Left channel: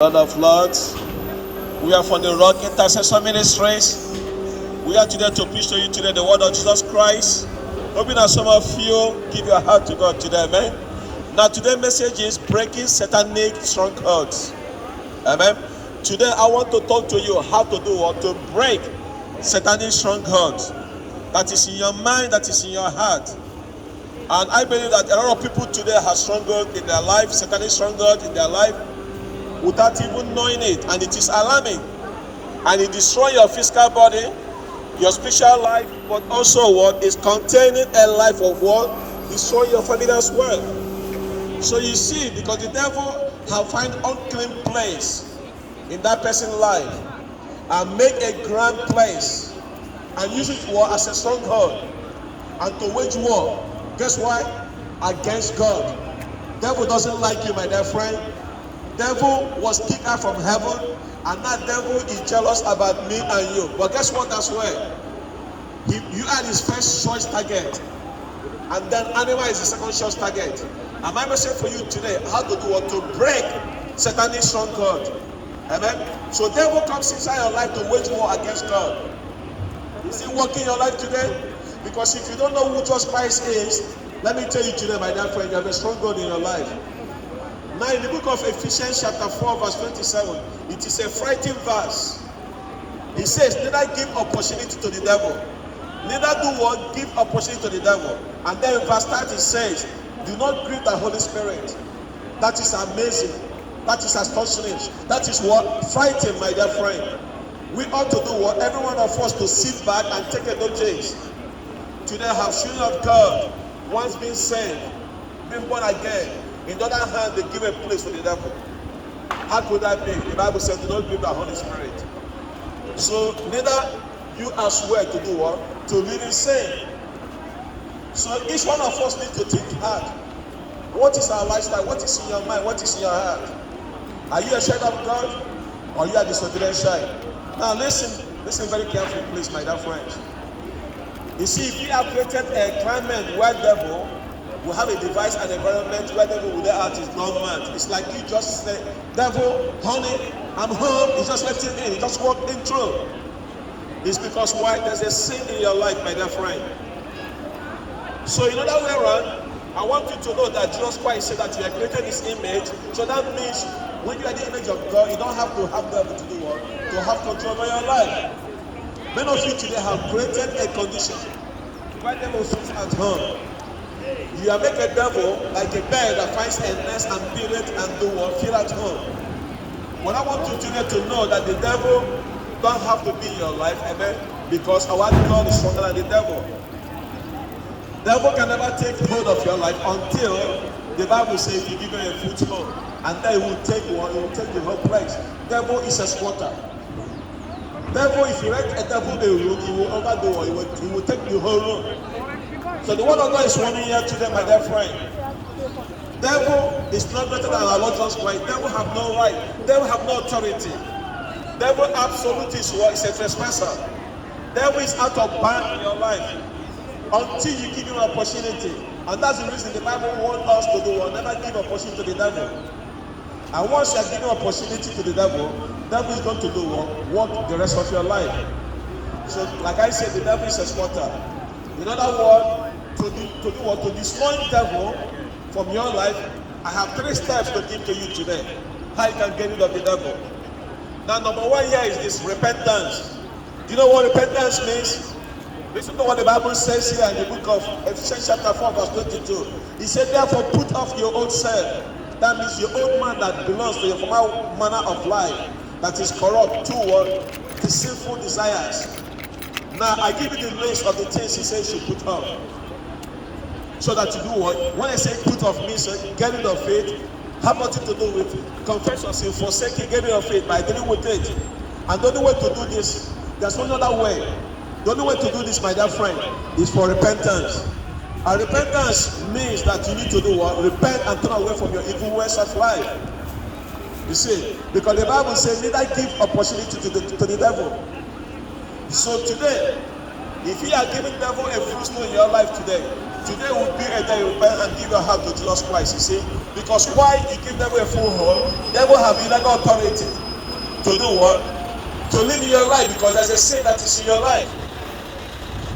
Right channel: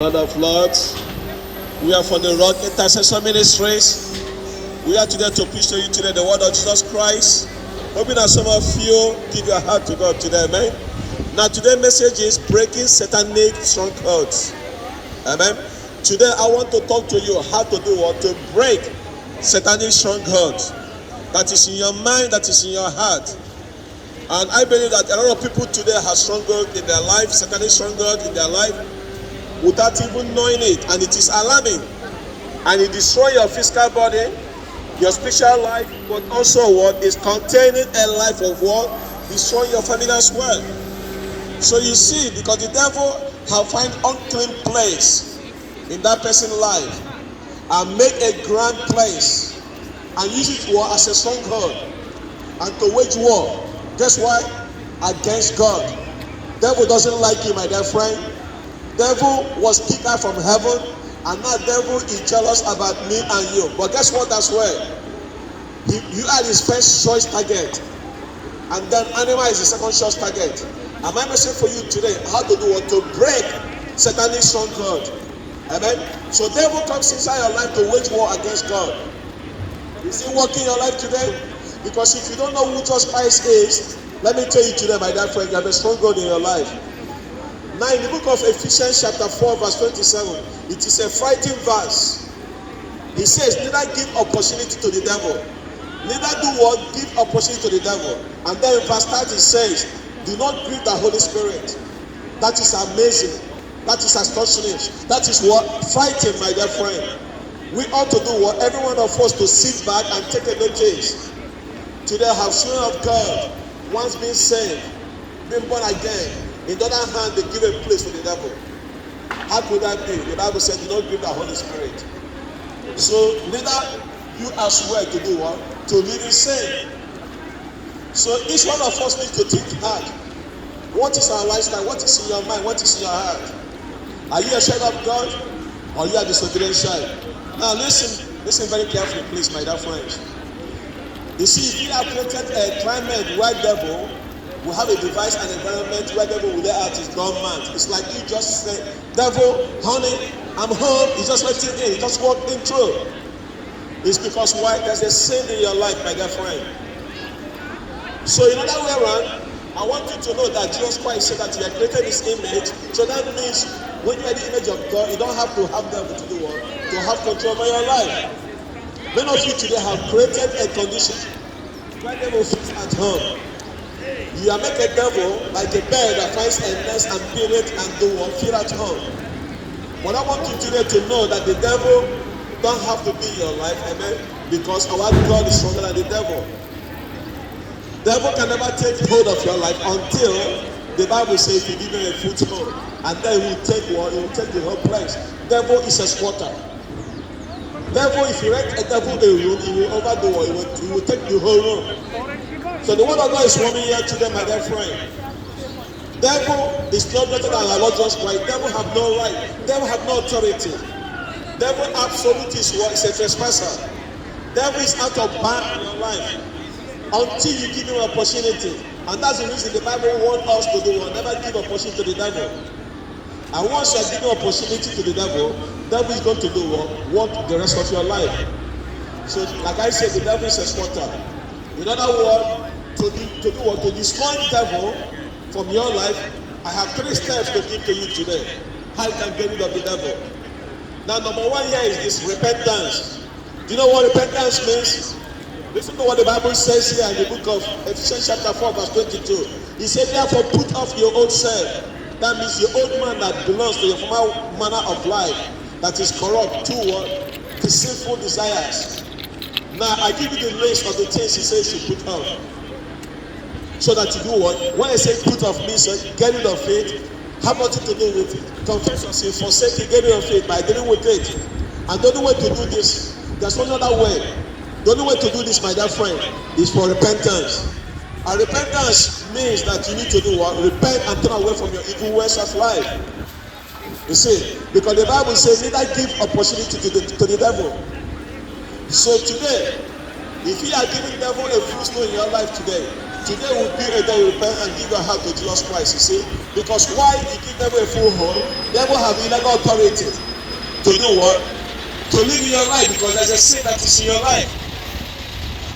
Lord of Lords, we are from the Rock Intercession Ministries. We are today to preach to you today the word of Jesus Christ. Hoping that some of you give your heart to God today, amen. Now today's message is breaking satanic strongholds. Amen. Today I want to talk to you how to do what? To break satanic strongholds that is in your mind, that is in your heart. And I believe that a lot of people today have stronghold in their life, satanic stronghold in their life, without even knowing it, and it is alarming, and it destroys your physical body, your spiritual life, but also what is containing a life of what destroying your family as well. So you see, because the devil have find unclean place in that person's life and make a grand place and use it war as a stronghold and to wage war. Guess why? Against God. Devil doesn't like you, my dear friend. Devil was kicked out from heaven, and now devil is jealous about me and you. But guess what as well? You are his first choice target, and then animal is the second choice target. And my message for you today, how to do what? To break satanic stronghold. Amen. So devil comes inside your life to wage war against God. Is he working your life today? Because if you don't know who Jesus Christ is, let me tell you today, my dear friend, you have a stronghold in your life. Now in the book of Ephesians chapter 4 verse 27, it is a frightening verse. He says, neither give opportunity to the devil. Neither do what? Give opportunity to the devil. And then in verse 30 it says, do not grieve the Holy Spirit. That is amazing. That is astonishing. That is what? Fighting, my dear friend. We ought to do what? Every one of us to sit back and take a notice. Today have children of God, once been saved, been born again. In the other hand, they give a place to the devil. How could that be? The Bible says, do not grieve the Holy Spirit. So neither you as well to do what? To live in sin. So each one of us needs to think hard. What is our lifestyle? What is in your mind? What is in your heart? Are you a child of God? Or you are disobedient child? Now listen very carefully, please, my dear friends. You see, if you have created a climate where devil will have a device and environment where devil will lay out his dormant. It's like you just say, devil, honey, I'm home. He just let him in. He just walked in through. It's because why? There's a sin in your life, my dear friend. So in other way around, I want you to know that Jesus Christ said that you are created in his image. So that means when you are the image of God, you don't have to have devil to do what? To have control over your life. Many of you today have created a condition where devil fits at home. You are making a devil like a bird that finds a nest and build it and do what? Feel at home. But I want you today to know that the devil don't have to be in your life, amen? Because our God is stronger than the devil. Devil can never take hold of your life until the Bible says you give him a foothold. And then he will take what? He will take the whole place. Devil is a squatter. Devil, if you rent a devil a room, he will overdo what? He will take the whole room. So the word of God is warning here today, my dear friend. Devil is not greater than our Lord Jesus Christ. Devil have no right. Devil have no authority. Devil absolute is what? Is a trespasser. Devil is out of bounds in your life until you give him an opportunity. And that's the reason the Bible wants us to do what? Never give opportunity to the devil. And once you are giving opportunity to the devil is going to do what? Work the rest of your life. So like I said, the devil is a squatter. In other words, to do what? To destroy the devil from your life, I have 3 steps to give to you today. How you can get rid of the devil. Now, number 1 here is this repentance. Do you know what repentance means? Listen to what the Bible says here in the book of Ephesians chapter 4 verse 22. He said, therefore put off your old self. That means your old man that belongs to your former manner of life that is corrupt toward the sinful desires. Now, I give you the list of the things he says you put off. So that you do what? When I say put off means get rid of it, have nothing to do with it. Confess your sin, forsake it, get rid of it by dealing with it. And the only way to do this, there's no other way. The only way to do this, my dear friend, is for repentance. And repentance means that you need to do what? Repent and turn away from your evil ways of life. You see, because the Bible says neither give opportunity to the devil. So today, if you are giving the devil a footstool in your life today, Today will be a day you repent and give your heart to Jesus Christ, you see. Because why you give devil a full hold? Devil have illegal authority to do what? To live in your life, because there's a sin that is in your life.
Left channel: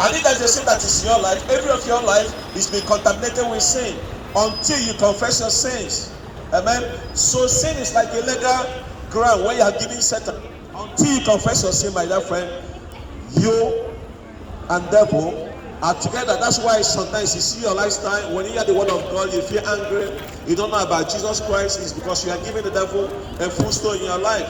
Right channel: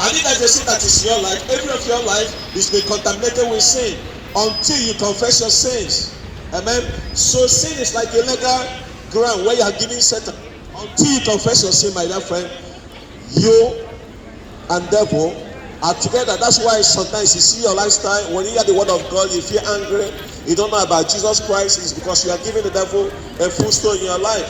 And if there's a sin that is in your life, every of your life is being contaminated with sin until you confess your sins. Amen. So sin is like a legal ground where you are giving Satan. Until you confess your sin, my dear friend, you and devil are together. That's why sometimes you see your lifestyle, when you hear the word of God, you feel angry, you don't know about Jesus Christ, it's because you are giving the devil a full stone in your life.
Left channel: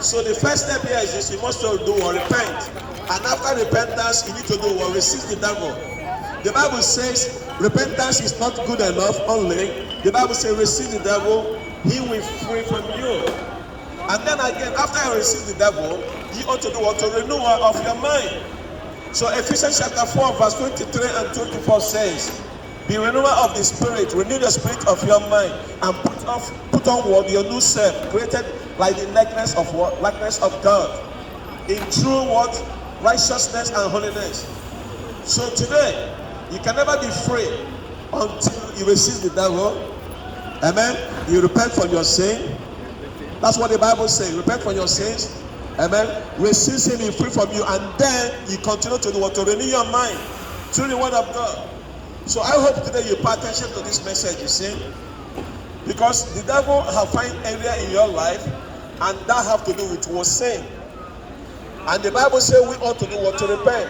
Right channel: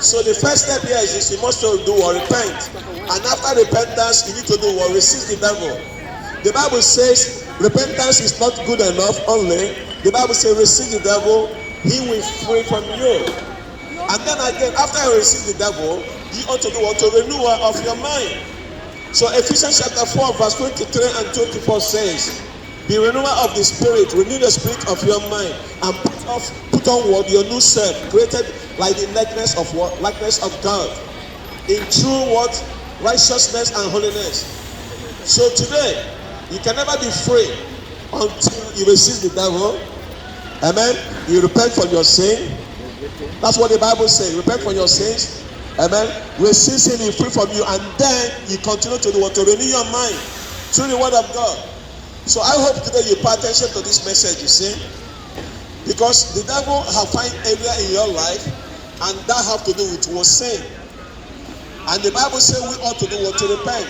So the first step here is this: you must do or repent. And after repentance, you need to do what? Resist the devil. The Bible says repentance is not good enough only. The Bible says resist the devil, he will flee from you. And then again, after you resist the devil, you ought to do what? To renew of your mind. So Ephesians chapter 4 verse 23 and 24 says, be renewal of the spirit, renew the spirit of your mind, and put on what? Your new self, created like the likeness of what? Likeness of God, in true what? Righteousness and holiness. So today, you can never be free until you resist the devil. Amen. You repent from your sin. That's what the Bible says. Repent from your sins. Amen. Resist him, he free from you, and then you continue to do what? To renew your mind through the word of God. So I hope today you pay attention to this message, you see. Because the devil have find area in your life, and that have to do with what sin. And the Bible says we ought to do what? To repent.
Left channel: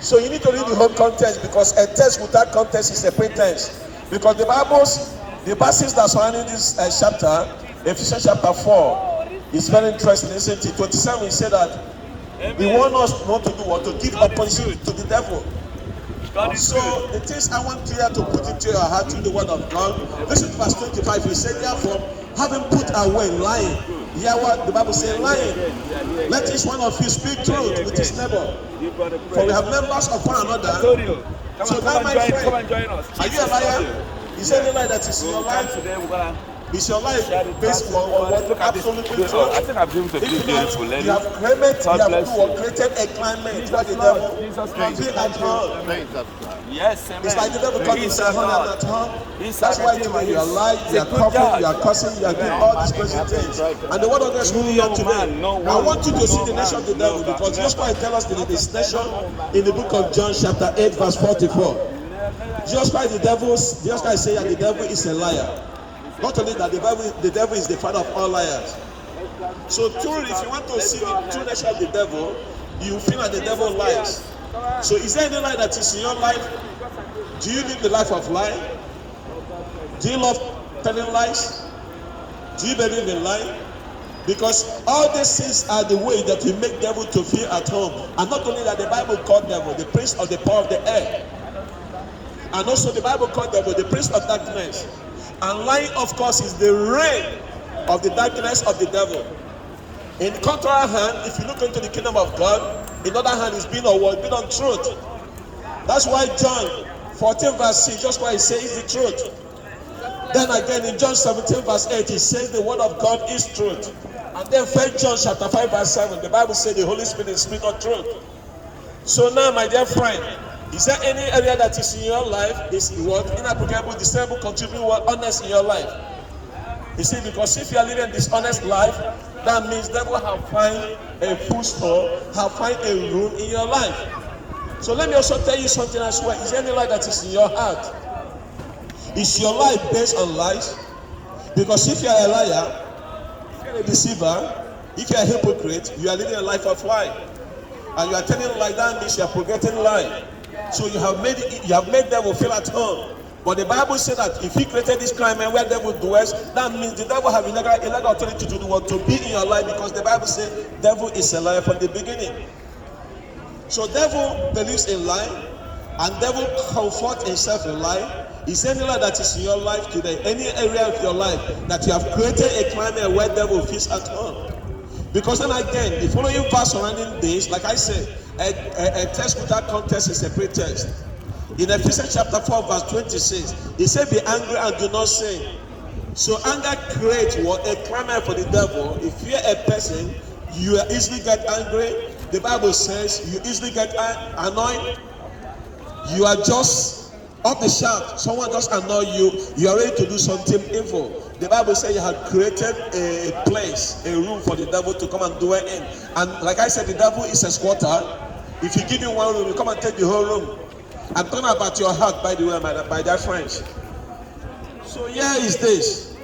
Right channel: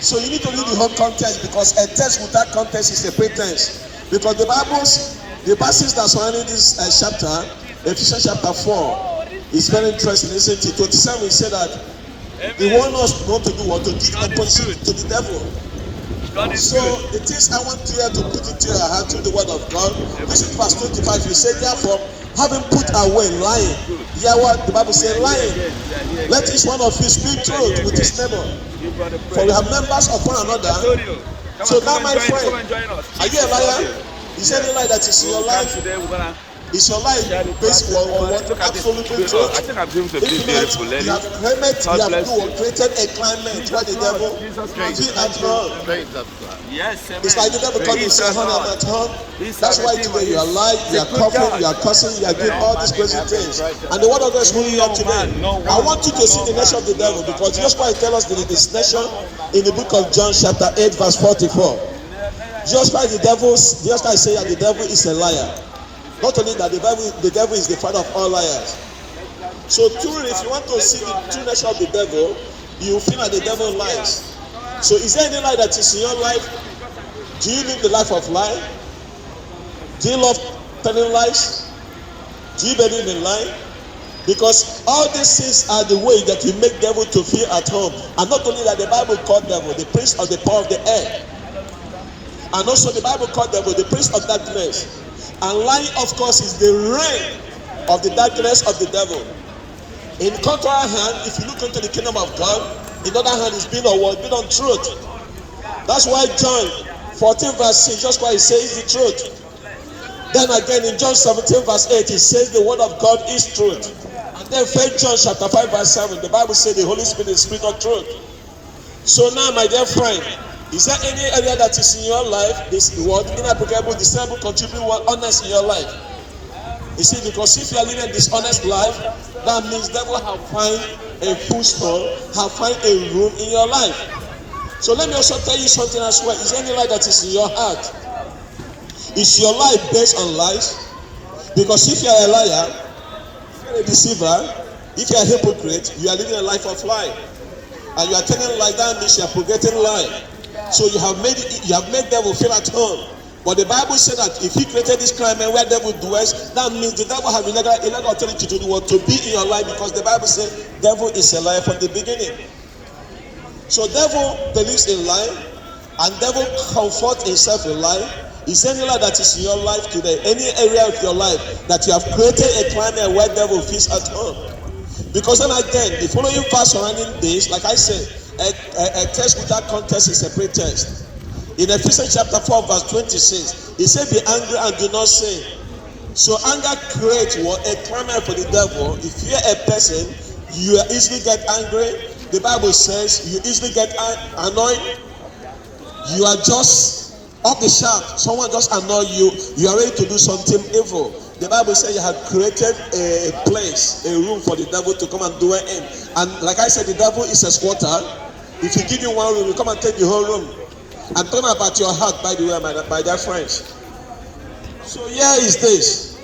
So you need to read the whole context, because a text without context is a pretense. Because the passages that surrounding this chapter, Ephesians chapter 4, is very interesting, isn't it? 27, he said that he wants us not to do what? To give opposition to the devil. So the things I want you to put into your heart through the word of God. Listen to verse 25. He said, therefore, having put away lying. Hear what the Bible says, lying. Let each one of you speak truth with his neighbor. For we have members of one another. So now, my friend, are you a liar? Is there any lie that is in your life? Is your life based on what absolutely true? If not, you have created a climate where the devil feel at home. It's like the devil comes and says, honey, I'm at home. That's why today you are lying, you are coughing, you are cursing, you are doing all these crazy things. And the word of God is moving here today. I want you to see the nature of the devil, because just why he tells us the destination in the book of John chapter 8 verse 44. Just like the devil say that the devil is a liar. Not only that, the devil is the father of all liars. So truly, if you want to see the true nature of the devil, you feel that the devil lies. So is there any lie that is in your life? Do you live the life of lie? Do you love telling lies? Do you believe in lying? Because all these things are the way that you make devil to feel at home. And not only that, the Bible called devil the prince of the power of the air. And also the Bible called devil the prince of darkness. And lying, of course, is the reign of the darkness of the devil. In contrary hand, if you look into the kingdom of God, in other hand is being on word, being on truth. That's why John 14 verse 6, just why he says the truth. Then again in John 17 verse 8, he says the word of God is truth. And then 1 John chapter 5 verse 7, the Bible says the Holy Spirit is spirit of truth. So now, my dear friend, is there any area that is in your life, this word inapplicable, discernible, contributing word honest in your life? You see, because if you are living a dishonest life, that means devil have find a footstool, have find a room in your life. So let me also tell you something as well. Is there any lie that is in your heart? Is your life based on lies? Because if you are a liar, you are a deceiver, if you are a hypocrite, you are living a life of lie. And you are telling lie, that means you are forgetting lie. So you have made devil feel at home. But the Bible said that if he created this climate where devil dwells, that means the devil have illegal authority to do the work, to be in your life, because the Bible says devil is a liar from the beginning. So devil believes in lie, and devil comforts himself in lie. Is there any lie that is in your life today? Any area of your life that you have created a climate where devil feels at home? Because then again, the following verse surrounding this, like I said, a text without context is a pretext. In Ephesians chapter 4 verse 26, he said, be angry and do not sin. So anger creates a climate for the devil. If you're a person, you easily get angry. The Bible says you easily get annoyed. You are just Off the shaft, someone just annoy you, you are ready to do something evil. The Bible says you had created a place, a room for the devil to come and dwell in. And like I said, the devil is a squatter. If you give him one room, you come and take the whole room. I'm talking about your heart, by the way, my dear friends. So here is this.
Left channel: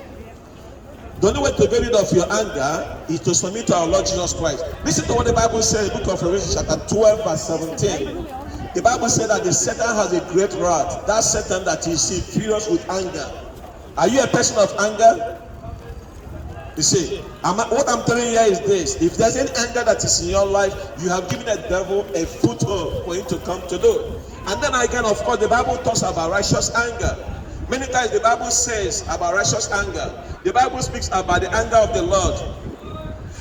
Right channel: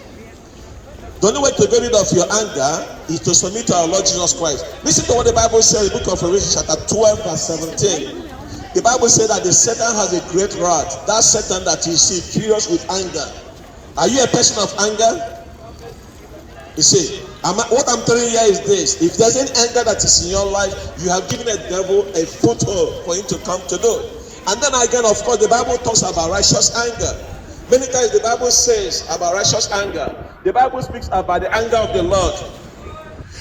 The only way to get rid of your anger is to submit to our Lord Jesus Christ. Listen to what the Bible says in the book of Revelation chapter 12 verse 17. The Bible says that the Satan has a great wrath. That Satan that you see furious with anger. Are you a person of anger? You see, what I'm telling you here is this. If there's any anger that is in your life, you have given the devil a foothold for him to come to do. And then again, of course, the Bible talks about righteous anger. Many times the Bible says about righteous anger. The Bible speaks about the anger of the Lord.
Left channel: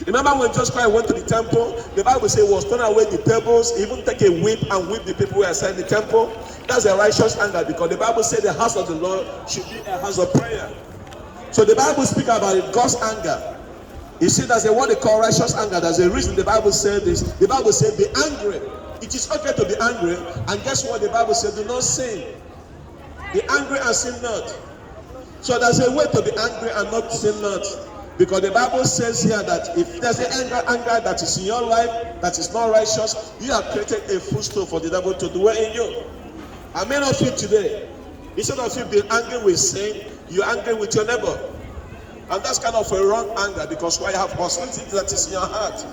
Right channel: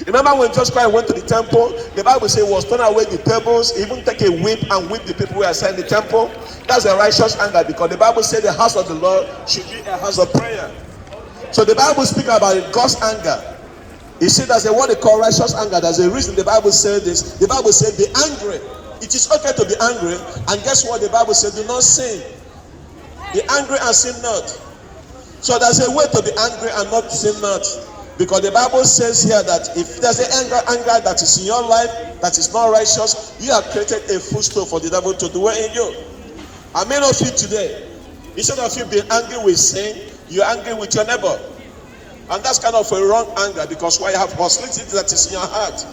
Remember when Jesus Christ went to the temple, the Bible says he was turn away the tables, even take a whip and whip the people who are in the temple. That's a righteous anger, because the Bible says the house of the Lord should be a house of prayer. So the Bible speaks about God's anger. You see, there's a what they call righteous anger. There's a reason the Bible says this. The Bible says be angry. It is okay to be angry, and guess what? The Bible says do not sin. Be angry and sin not. So there's a way to be angry and not sin not. Because the Bible says here that if there's an anger that is in your life that is not righteous, you have created a footstool for the devil to dwell in you. And many of you today, instead of you being angry with sin, you're angry with your neighbor. And that's kind of a wrong anger, because why you have hostility that is in your heart.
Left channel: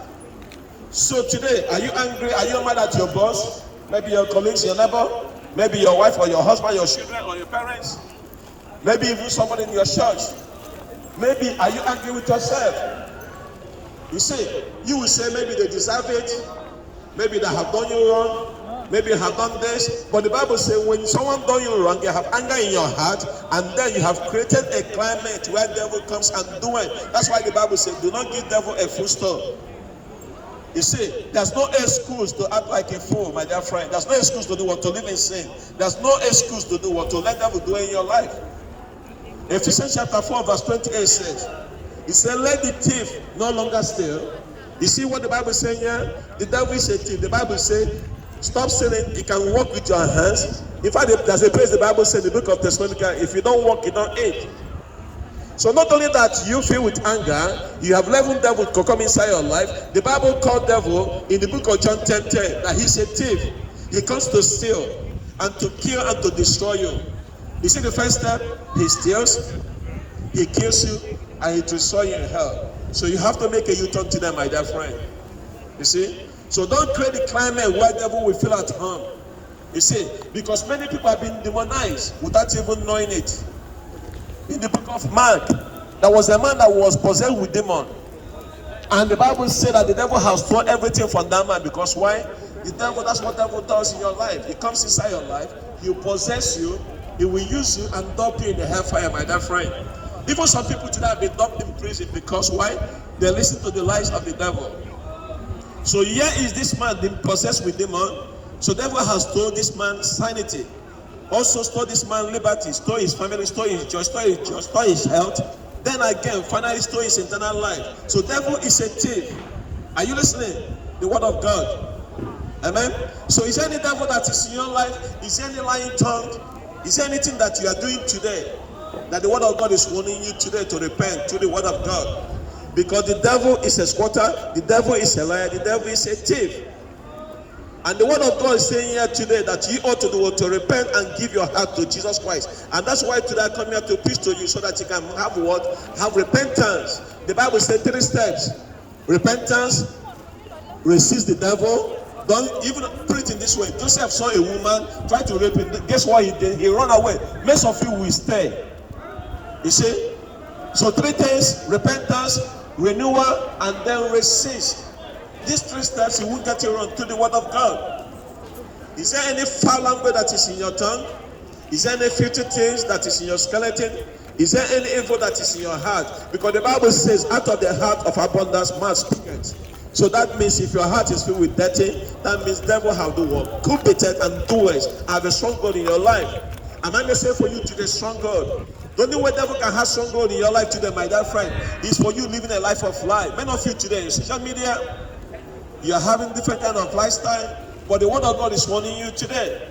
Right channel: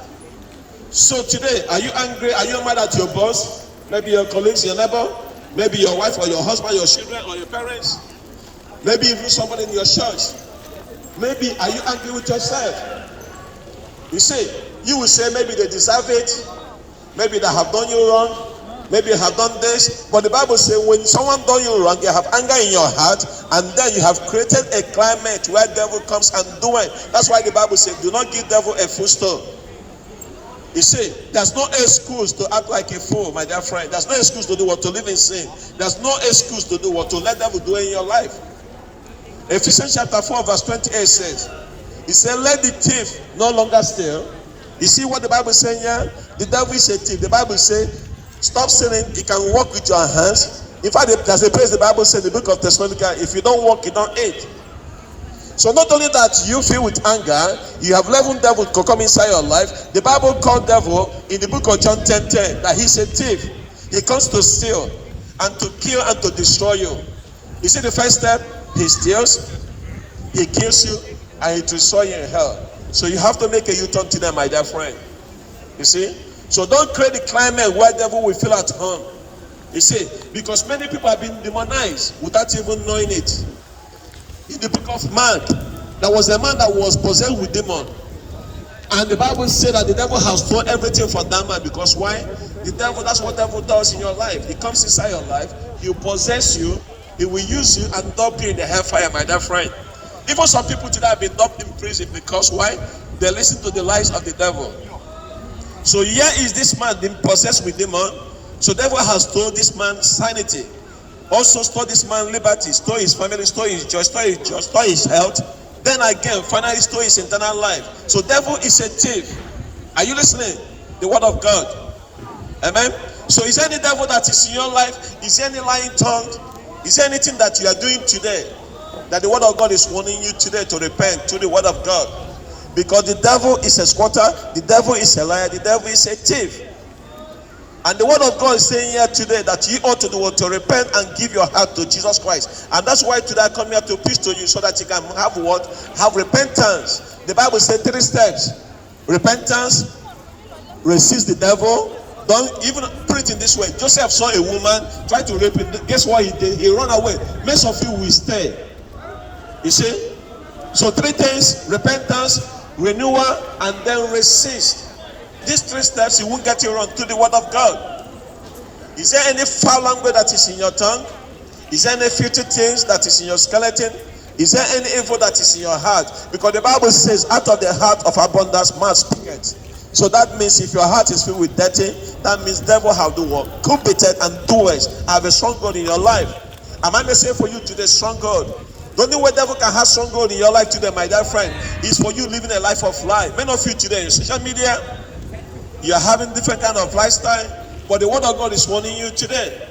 So today, are you angry? Are you mad at your boss? Maybe your colleagues, your neighbor? Maybe your wife or your husband, your children or your parents? Maybe even somebody in your church? Maybe are you angry with yourself? You see, you will say maybe they deserve it. Maybe they have done you wrong. Maybe they have done this. But the Bible says when someone done you wrong, you have anger in your heart, and then you have created a climate where devil comes and do it. That's why the Bible says do not give devil a footstool. You see, there's no excuse to act like a fool, my dear friend. There's no excuse to do what, to live in sin. There's no excuse to do what, to let devil do in your life. Ephesians chapter 4 verse 28 says, he said, let the thief no longer steal. You see what the Bible is saying here? The devil is a thief. The Bible says, stop sinning. You can walk with your hands. In fact, there's a place the Bible says in the book of Thessalonians, if you don't walk, you don't eat. So not only that you feel with anger, you have 11 devils to come inside your life. The Bible called devil in the book of John 10:10 that he's a thief. He comes to steal and to kill and to destroy you. You see the first step? He steals, he kills you, and he destroys you in hell. So you have to make a U-turn to them, my dear friend. You see? So don't create a climate where devil will feel at home. You see? Because many people have been demonized without even knowing it. In the book of Mark, there was a man that was possessed with demon. And the Bible said that the devil has stolen everything from that man. Because why? The devil, that's what the devil does in your life. He comes inside your life, he will possess you, he will use you and dump you in the hellfire, my dear friend. Even some people today have been dumped in prison because why? They listen to the lies of the devil. So here is this man being possessed with demon. So the devil has stolen this man's sanity. Also stole this man's liberty, stole his family, stole his joy, stole his health. Then again, finally stole his eternal life. So devil is a thief. Are you listening? The word of God. Amen. So is there any devil that is in your life? Is there any lying tongue? Is there anything that you are doing today that the word of God is warning you today to repent to the word of God? Because the devil is a squatter, the devil is a liar, the devil is a thief. And the word of God is saying here today that you ought to do what, to repent and give your heart to Jesus Christ. And that's why today I come here to preach to you so that you can have what? Have repentance. The Bible says 3 steps. Repentance, resist the devil. Don't even put it in this way. Joseph saw a woman try to rape him. Guess what he did? He ran away. Most of you will stay. You see? So 3 things: repentance, renewal, and then resist. These 3 steps, you won't get you wrong to the word of God. Is there any foul language that is in your tongue? Is there any filthy things that is in your skeleton? Is there any evil that is in your heart? Because the Bible says, out of the heart of abundance, mouth speaketh. So that means if your heart is filled with dirty, that means devil have the work. Competent and doers have a strong God in your life. Am I may say for you today, strong God? The only way devil can have strong God in your life today, my dear friend, is for you living a life of life. Many of you today in social media, you are having different kind of lifestyle, but the word of God is warning you today.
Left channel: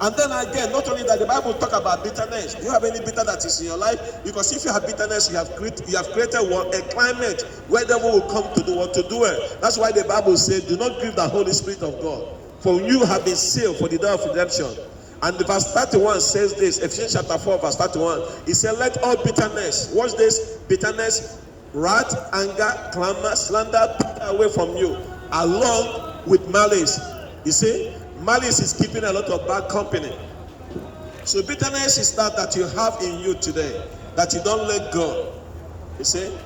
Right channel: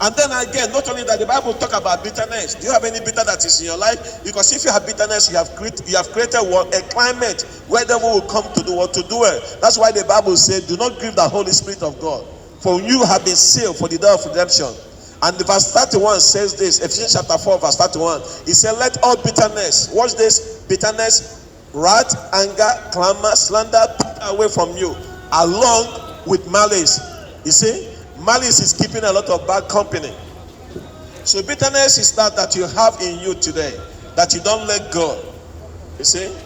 And then again, not only that, the Bible talk about bitterness. Do you have any bitter that is in your life? Because if you have bitterness, you have created a climate where the devil will come to do what to do it. That's why the Bible said, do not grieve the Holy Spirit of God, for you have been sealed for the day of redemption. And the verse 31 says this, Ephesians chapter 4, verse 31. He said, let all bitterness, watch this, bitterness, wrath, anger, clamor, slander, put away from you, along with malice. You see, malice is keeping a lot of bad company. So bitterness is that you have in you today, that you don't let go. You see,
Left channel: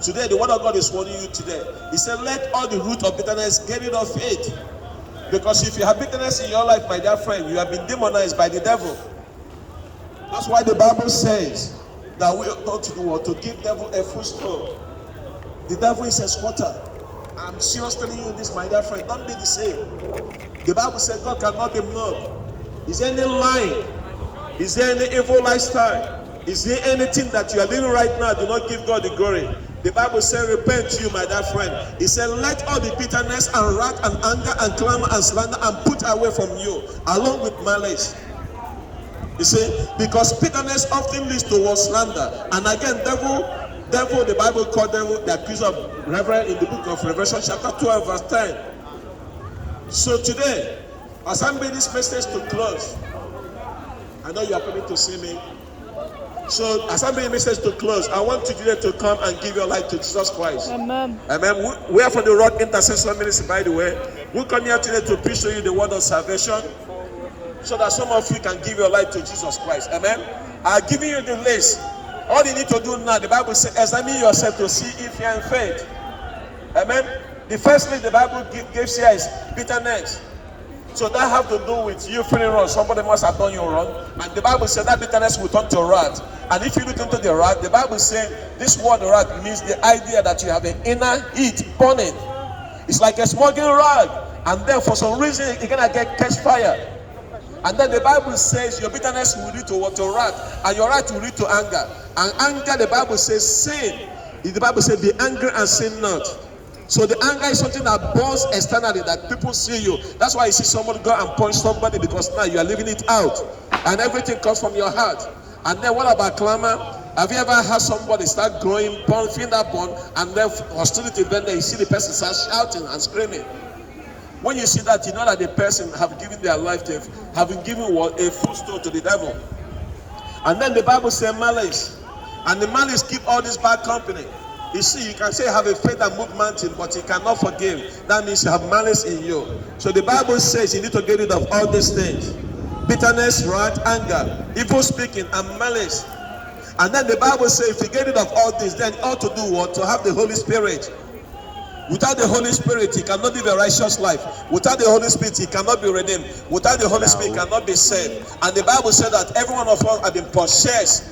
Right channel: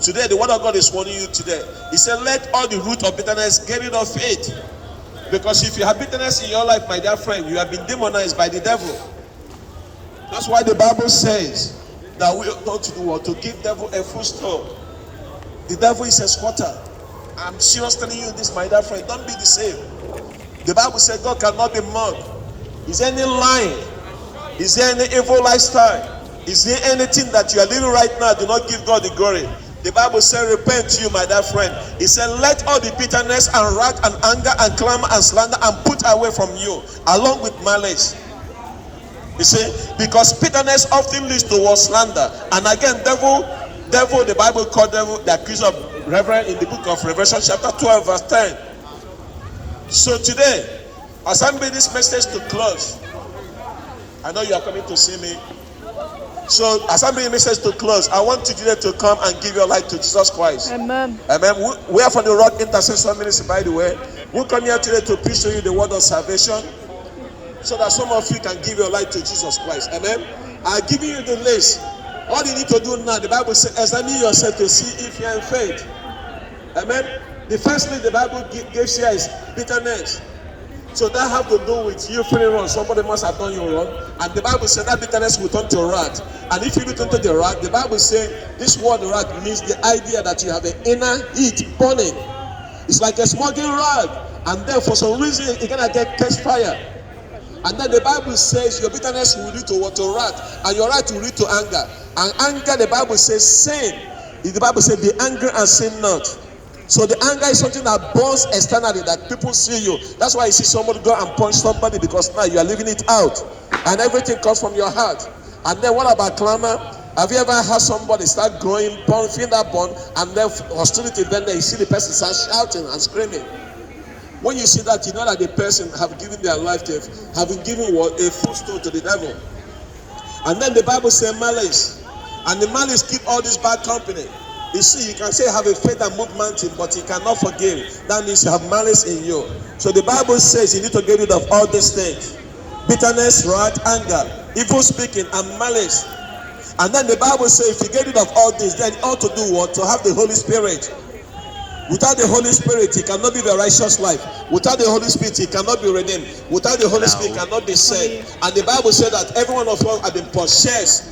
today the word of God is warning you today. He said, let all the root of bitterness get rid of it. Because if you have bitterness in your life, my dear friend, you have been demonized by the devil. That's why the Bible says that we ought not to do what? To give devil a footstool. The devil is a squatter. I'm serious telling you this, my dear friend. Don't be deceived. The Bible says God cannot be mocked. Is there any lying? Is there any evil lifestyle? Is there anything that you are living right now? Do not give God the glory. The Bible says, repent you, my dear friend. It said, let all the bitterness and wrath and anger and clamor and slander and put away from you, along with malice. You see, because bitterness often leads towards slander. And again, devil, the Bible called devil the accuser of Reverend in the book of Revelation chapter 12, verse 10. So today, as I'm bringing this message to close, I know you are coming to see me. So as I'm bringing this message to close, I want you today to come and give your life to Jesus Christ. Amen. Amen. We are from the Rock Intercession Ministry, by the way. We come here today to preach to you the word of salvation, so that some of you can give your life to Jesus Christ. Amen. I'm giving you the list. All you need to do now, the Bible says, examine yourself to see if you are in faith. Amen. The first list the Bible gives here is bitterness. So that have to do with you feeling wrong. Somebody must have done you wrong. And the Bible says that bitterness will turn to wrath. And if you look into the wrath, the Bible says this word wrath means the idea that you have an inner heat burning. It's like a smoking rag. And then for some reason, you're going to catch fire. And then the Bible says your bitterness will lead to what? To wrath. And your wrath will lead to anger. And anger, the Bible says, sin. The Bible says, be angry and sin not. So the anger is something that burns externally, that people see you. That's why you see somebody go and punch somebody, because now you are living it out. And everything comes from your heart. And then what about clamor? Have you ever had somebody start growing, feeling that burn, and then hostility, then you see the person start shouting and screaming? When you see that, you know that the person have given their life to, have been given what? A footstool to the devil. And then the Bible says malice. And the malice keep all this bad company. You see, you can say have a faith and move mountain, but you cannot forgive. That means you have malice in you. So the Bible says you need to get rid of all these things. Bitterness, wrath, anger, evil speaking, and malice. And then the Bible says if you get rid of all this, then you ought to do what? To have the Holy Spirit. Without the Holy Spirit, he cannot live a righteous life. Without the Holy Spirit, he cannot be redeemed. Without the Holy Spirit, he cannot be saved. And the Bible said that every one of us have been possessed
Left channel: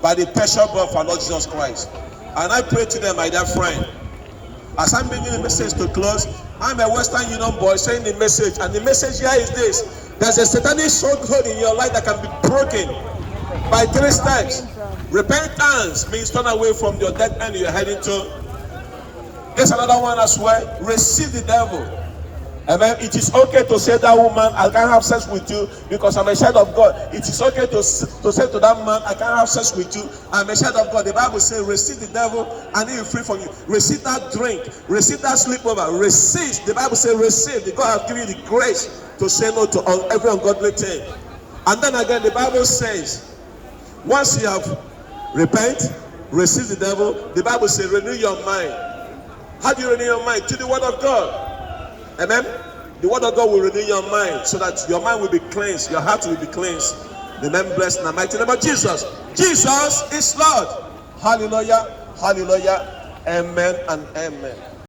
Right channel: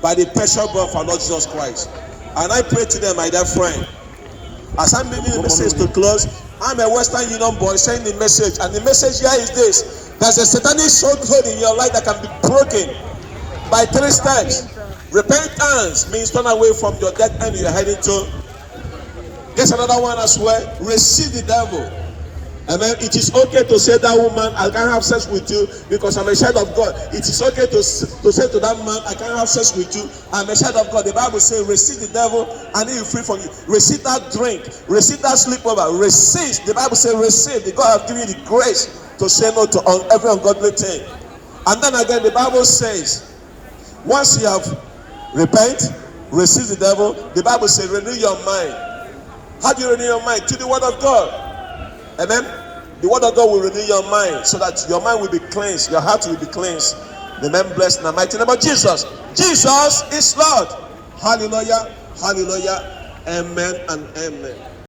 by the precious blood of our Lord Jesus Christ. And I pray to them, my dear friend, as I'm bringing the message to close, I'm a Western Union boy saying the message. And the message here is this: there's a satanic stronghold in your life that can be broken by 3 steps. Repentance means turn away from your death end you're heading to. There's another one as well. Receive the devil. Amen. It is okay to say that woman, I can't have sex with you because I'm a child of God. It is okay to say to that man, I can't have sex with you, I'm a child of God. The Bible says, receive the devil and he will free from you. Receive that drink. Receive that sleepover. Receive. The Bible says, receive. The God has given you the grace to say no to every ungodly thing. And then again, the Bible says, once you have repent, receive the devil, the Bible says, renew your mind. How do you renew your mind? To the word of God. Amen. The word of God will renew your mind so that your mind will be cleansed, your heart will be cleansed. Remain blessed in the mighty name of Jesus. Jesus is Lord. Hallelujah. Hallelujah. Amen and amen.